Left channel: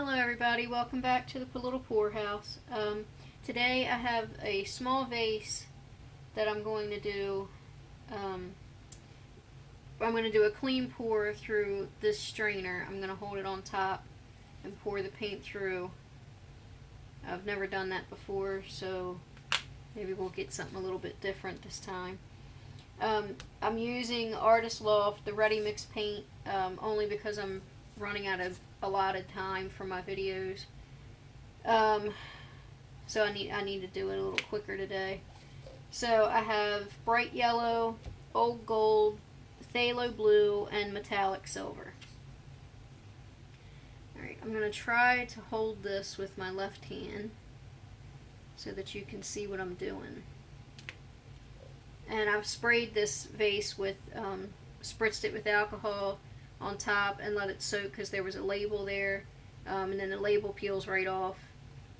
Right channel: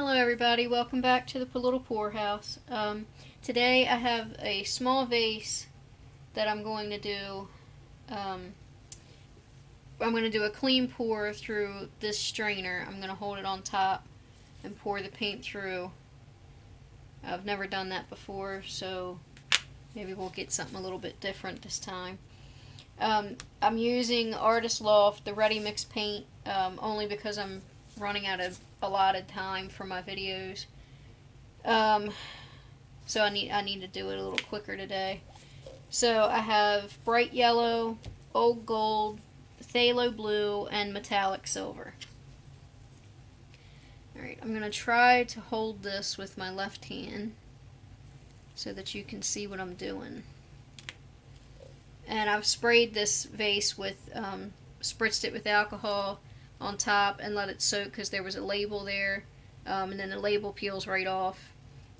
Hello everybody, welcome back to the Little Poorhouse. Today I have a small vase that I'm going to do. Um, I'm going to do a clean pour through this strainer. I'm going to hold it on top and pour the paint through. I've never done that before, so maybe we'll get something a little bit different this time. I'm using Artist Loft, the ready mix paint, only because I'm running out of allotted time for my videos. Um, so I need to do it a little quicker today. So I have bright yellow, old gold, phthalo blue, and metallic silver. Alright, I'm going to try to hold this with my left hand so that you can see what I'm doing. And I've sprayed this vase with, spritzed it with alcohol on top and let it soak because there was a label there, and then the label peels right off.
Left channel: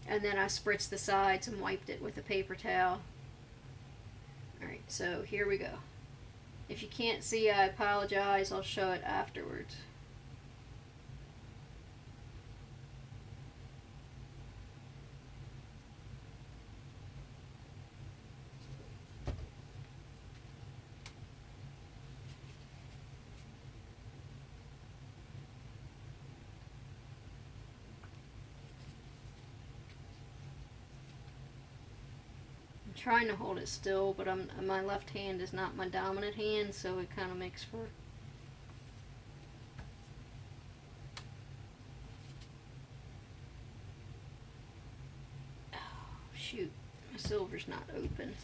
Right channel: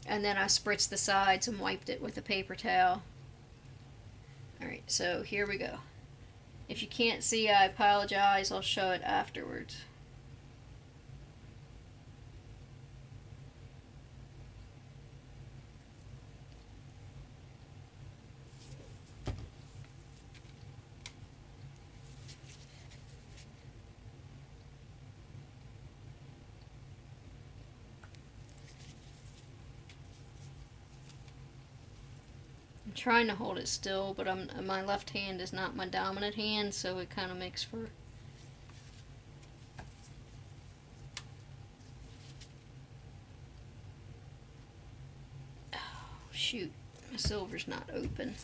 And then I spritzed the sides and wiped it with a paper towel. Alright, so here we go. If you can't see, I apologize. I'll show it afterwards. I'm trying to hold it still, but my left hand is not my dominant hand, so it kind of makes for... Oh, shoot, the silver's not open.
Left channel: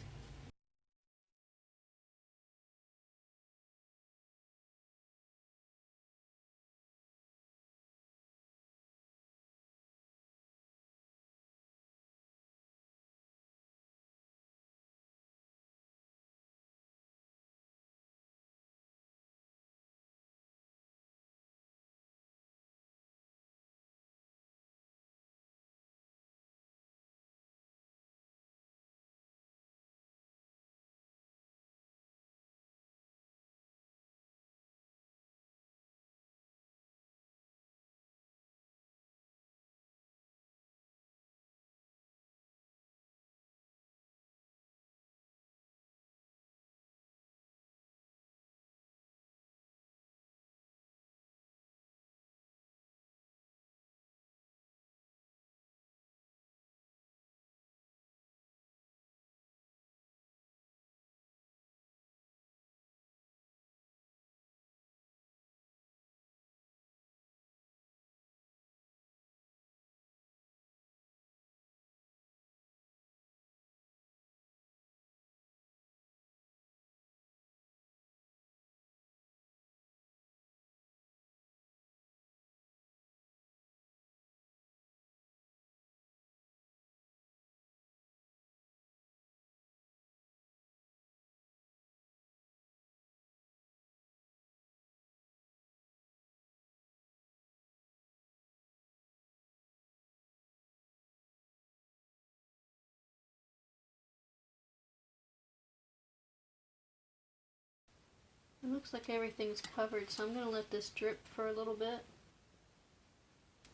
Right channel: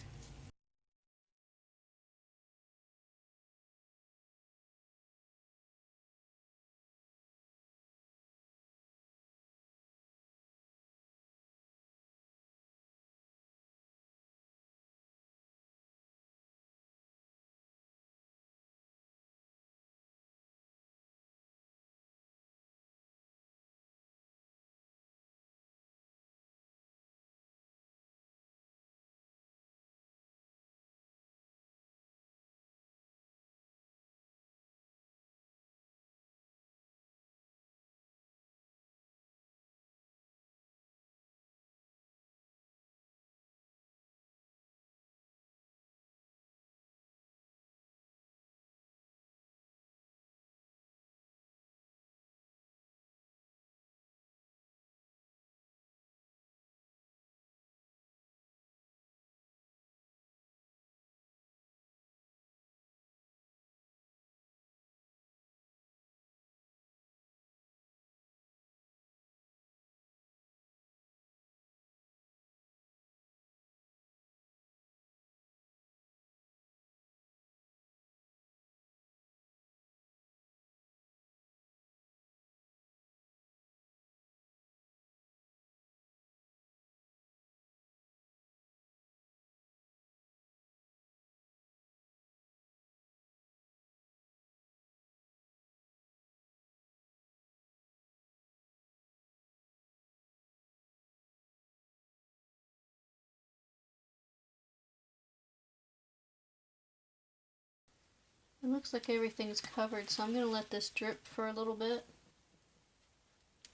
It looks like everything's covered, so I'm going to let this drip for a little bit.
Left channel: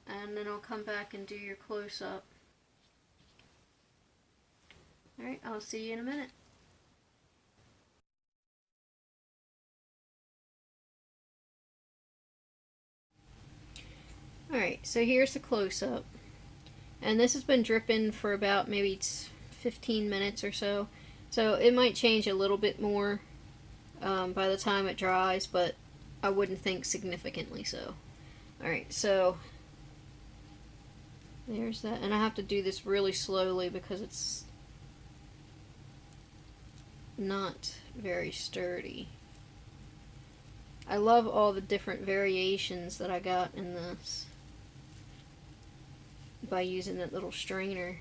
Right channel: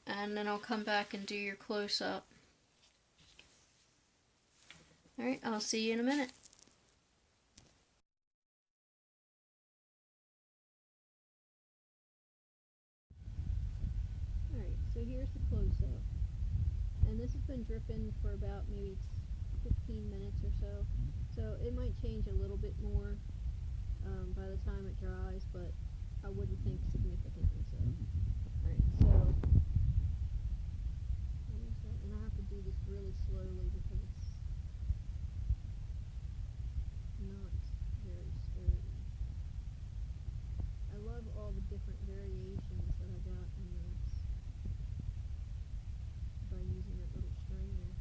And then I'll come back and do your close-up. Alright, I'll see you in a minute. Alright, so here's the close-up. And this has been dripping for about maybe 15 minutes or so. So it might change a little bit more by the time it dries, but I wouldn't think significantly so. Alright, so there's that. And I have to do this really slowly because it's not very sturdy. I love all the different variations that I got in this by using that little strainer.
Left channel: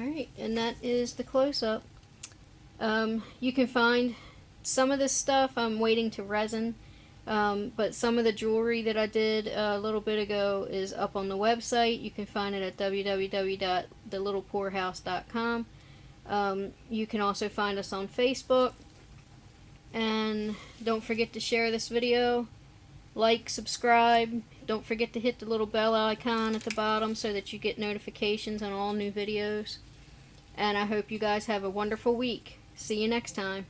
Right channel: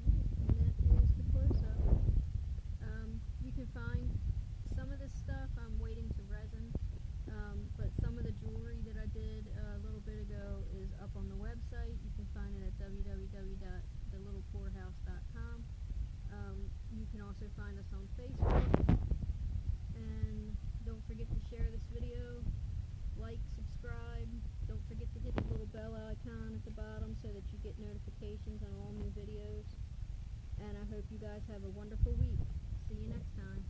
Alright, and that is the close-up. You can find some of this stuff. I'm waiting to resin, but some of the jewelry that I did a little bit ago is up on the website. You can find it at www.thelittlepoorhouse.com. You can also find us on Facebook, and don't forget to share this video, like, subscribe. Don't forget to hit the little bell icon at the bottom so that you get notifications on all new videos. And I hope you guys have a wonderful week. See you next time.